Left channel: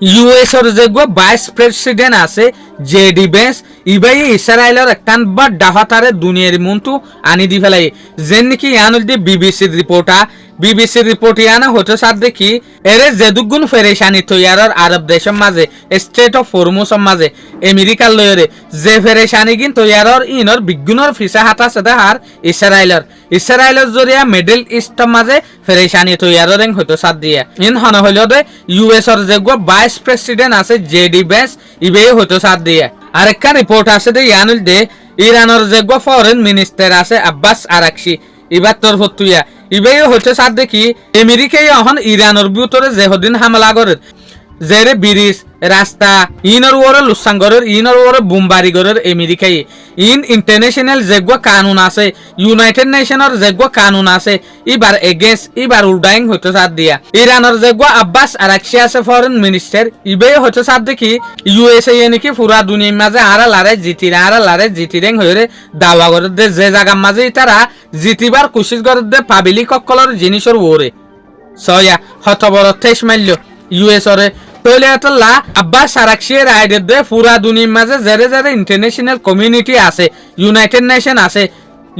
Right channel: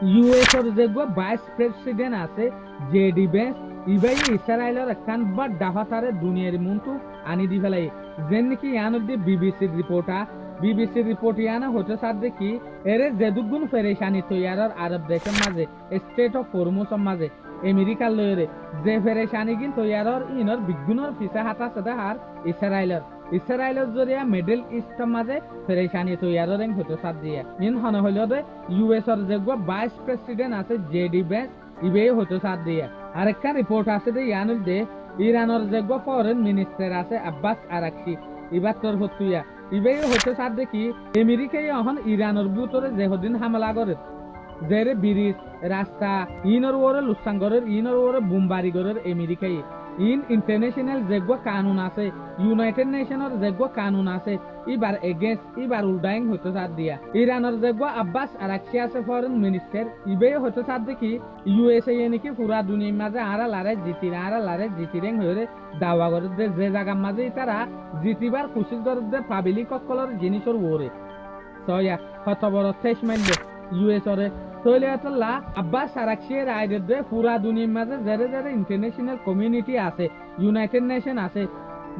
ইউএসর যে vice president আছে JD bench ইবাই ইসরায়েলের একখান বা ডাহাতারে দুনিয়ার মন্তু আনি দি ফেলাই যেন নাকি ইয়ানুল দি বিবিসির রিপোর্ট ইয়ানা হতে সাথ দেখি এরে যেদুগুণ ফেরেশানি তৈয়ারর আরব দেশের মাঝে স্টেট অফ হরমুজের মাঝে আমেরিকার লয়রে যে ফেরেশানি গিন তৈয়ারর ইনর বিজ্ঞানের ফিসা হাতা সেদা হার ইসরায়েলের জরিয়া মিডল ইস্টের মাঝে ফেরেশানি তৈয়ারর এং হতে সাথ দিয়া ইন হন হইল দে ইউএসর যে ভাইস প্রেসিডেন্ট আছে জেডি বেন্স ইবে হতে সাথ দিয়া আরেকটা রিপোর্ট আছে দে ইয়ানুল দে ইরানের যে ফরেন মিনিস্টার আছে আব্বাস আরাকশি ইবার তরফ তুইয়া ইবেই হচ্ছে সাথ দেখি আমেরিকায় এখন ইরানের ভিতরে যেহদিন হামলা করে জেরে ব্রিজ রাস্তা ইনর ওরে লুসাঙ্গরের ইনর ওরে বুমবারি গরের আমেরিকায় ইন ইন্টারন্যাশনাল যেগুলো কানুন আছে ইউনাইটেড নেশনের যেগুলো কানুন আছে ইবার এগেন্স ইবার উল্টাইং হতে সাথ দিয়া ইরানের যেগুলো আব্বাস আরাকশি আছে ফরেন মিনিস্টার ইবে হচ্ছে সাথ দেখি ইউএসএ নাকি পুরা দুনিয়ার মাঝে আরা লারে জিতিরেং হয়ে দাওয়া করে দে যে জায়গার মাঝে তারা জিতিবার কোশিশ করে দে পাবলিক সকলের জিনিসের ওরে সয়া হতবর ঠেস মারল ইউএসরে তৈলে এতলা আব্বাস আরাকশির আইডে দে পুরা দুনিয়ার মাঝে জেরে জেরে ইন্টারন্যাশনাল কমিউনিটি আছে ইউনাইটেড নেশন আছে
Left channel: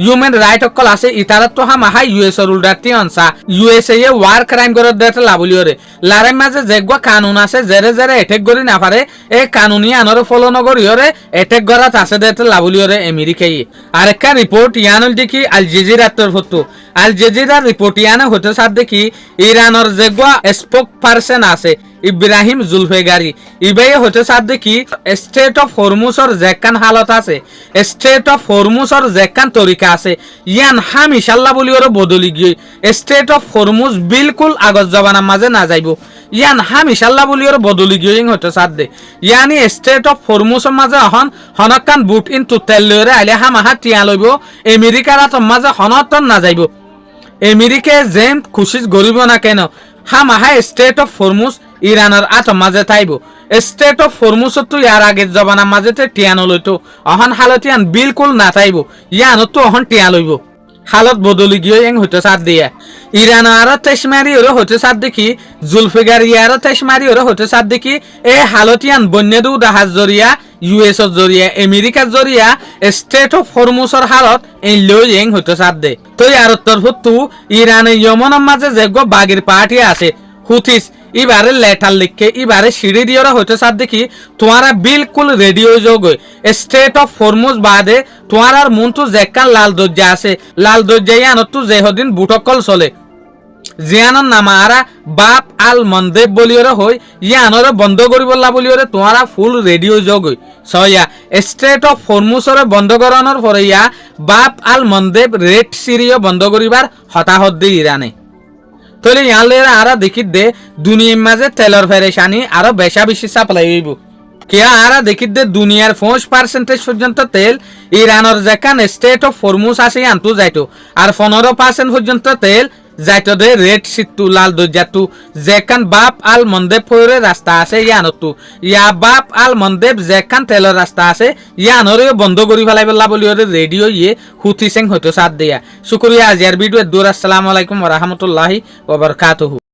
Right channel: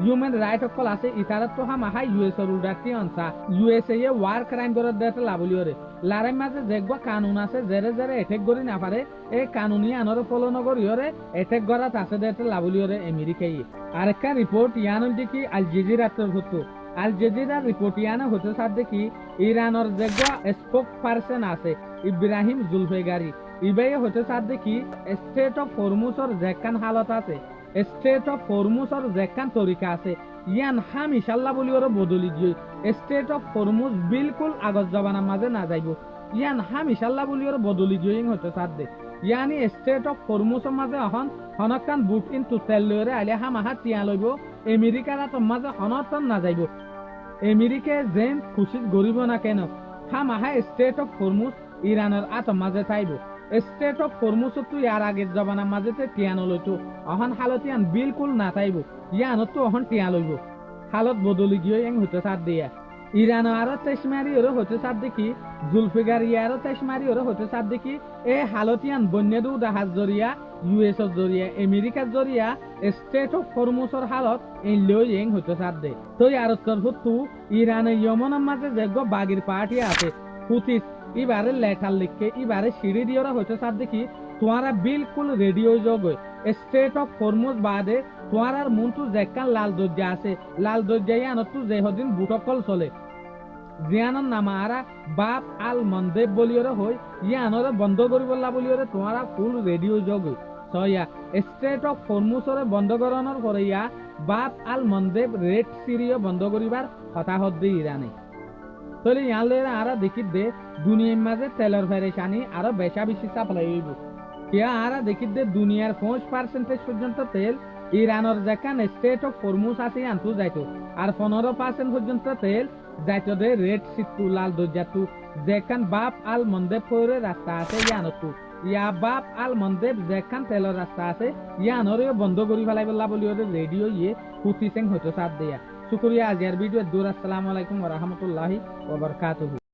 হিউম্যান রাইট অকল আছে ইতারা তো হাম আহা ইউএসর উল্টাতি অনসা ইউএসএ ওয়ার ক্রাইম করে দেতে লাবলিওরে লারে মাঝে যেগুয়া কানুন আছে জেরে জেরে এটেক করি না পারে এ কানুনি আনরে ফলো নগরিওরে এটেক করাত আছে দেতে লাবলিওরে আমেরিকাই আরেকটা রিপোর্ট ইয়ানুল দেখি আল জাজিরা তরফতো আল জাজিরা রিপোর্ট ইয়ানে হতে সাথ দেখি ইরানের যেগুয়া স্পোক পারসন আছে ইব্রাহিম জুলফেগারি ইবাই হতে সাথ দেখি স্টেট অফ হরমুজর যেকান হালত আছে স্টেট অফ হরমুজর যেকান তরিকা আছে ইয়ান হাম ইনশাআল্লাহ বলি ওর বদলি গিয়ে স্টেট অফ হরমুজ বিলকুল আগত জবানার মাঝে না যাইব ইয়ান হাম ইনশাআল্লাহ বলি ওর বদলি গিয়ে হতে সাথ দে ইয়ানি স্টেট অফ হরমুজের মাঝে হনকান বুট ইন তুতেল লইরে আইলে হাম আহা টিয়া লইব আমেরিকার মাঝে হনতন না যাইব আমেরিকায় যেন খুশি গরিব না কেন হাম আহা স্টেট অফ হরমুজ ইরানের মাঝে থাইব স্টেট অফ হরমুজ তো ইয়ার আগের জবানার মাঝেতে টিয়ানো লইতো অহন হালতিয়ান বিলকুল না থাইব ইয়ানো তো অহন টিয়া লইব হালত বদলি গিয়ে এং হইতে সাথ দিয়া ইরান আরো তেসমারি ওরা হতে সাথ দেখি জুলফিগার ইয়ারো তেসমারি ওরা হতে সাথ দেখি এ হালতিয়ান বন্যদু জাহাজ জরিয়া ইউএস জরিয়া আমেরিকার জরিয়া স্টেট অফ হরমুজর হালত এই লই এং হতে সাথ দে তো ইয়ার তরফতু ইরানে ইয়মনের মাঝে যেগো বাগির পার্টি আছে হুথিস ইবারে লেটার লিখে ইবারে সিঁড়ি দিয়ে হইতে সাথ দেখি তোমারা বিলকুল রেডিও যোগ স্টেট অফ হরমুজ বাদে তোমার আর মন তো যেকান লাল দরজা আছে লাল দরজা ইয়ানত তো যেহদিন বুটকল চলে জিয়ানোর নামা আরা বাপ আল মন্দেব বলিওরে হই ইয়ানরে বন্ধ করিবলা বলিওরে তোমারা ফুল রেডিও যোগ সয়া স্টেট অফ হরমুজরে বন্ধ করানোর পরে ইয়া বাপ আল মন্দেব রেড সিরিও বন্ধ করিবার হতাহত দি ইরানে তাহলে ইয়ালেরা আরা দেখি দে দুনিয়ার মাঝে তেলর ফেরেশানি আরো বেশি সাপ্লাই হইব কিয়া আরা দেখি দে দুনিয়ার 5% পর্যন্ত তেল ইরানের যেখান স্টেট অফ হরমুজ আছে আনতু যাইতো আর 15% পর্যন্ত তেল যাইতো দে রেড সিটু লাল দরজাতু যেখান বাপ আল মন্দেব ফরে রাস্তা আছে ইয়ানতু ইয়া বাপ আল মন্দেব যেখান তেলর রাস্তা আছে ইয়ানরে বন্ধ করি ফেলাইবলা বলি ওরে রেডিও ইয়ে হুথি সিং হয়তো সাথ দেয়া শুকরিয়া আজিয়ার ভিডিও দূর আসসালামু আলাইকুম ওয়া রাহমাতুল্লাহি ওয়া বারাকাতুহু।